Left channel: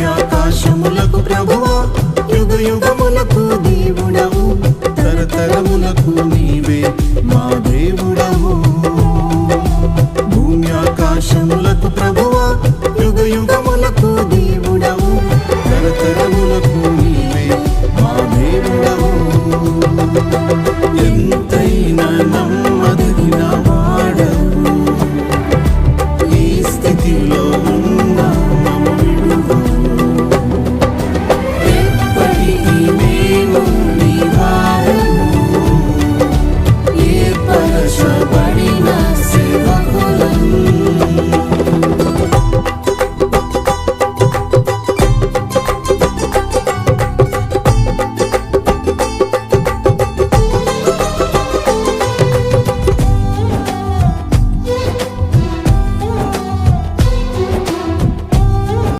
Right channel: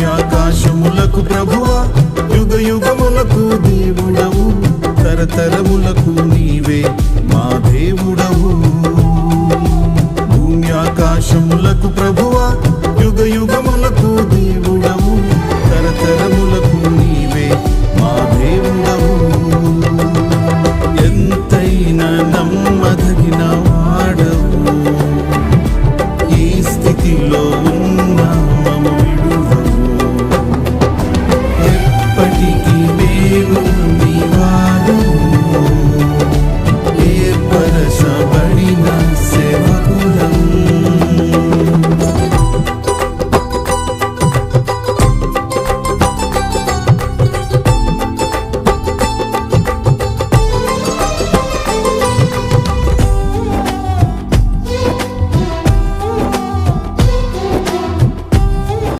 శూన్యాకాశములకు ప్రభువా యుగ యుగములకు దేవుడవు తరతరములకు నీవే మా దేవుడవు. భూమ్యాకాశములకు ప్రభువా యుగ యుగములకు దేవుడవు తరతరములకు నీవే మా దేవుడవు. ఎంతైనా నమ్మదగిన వాడవు ఈ స్థితిలో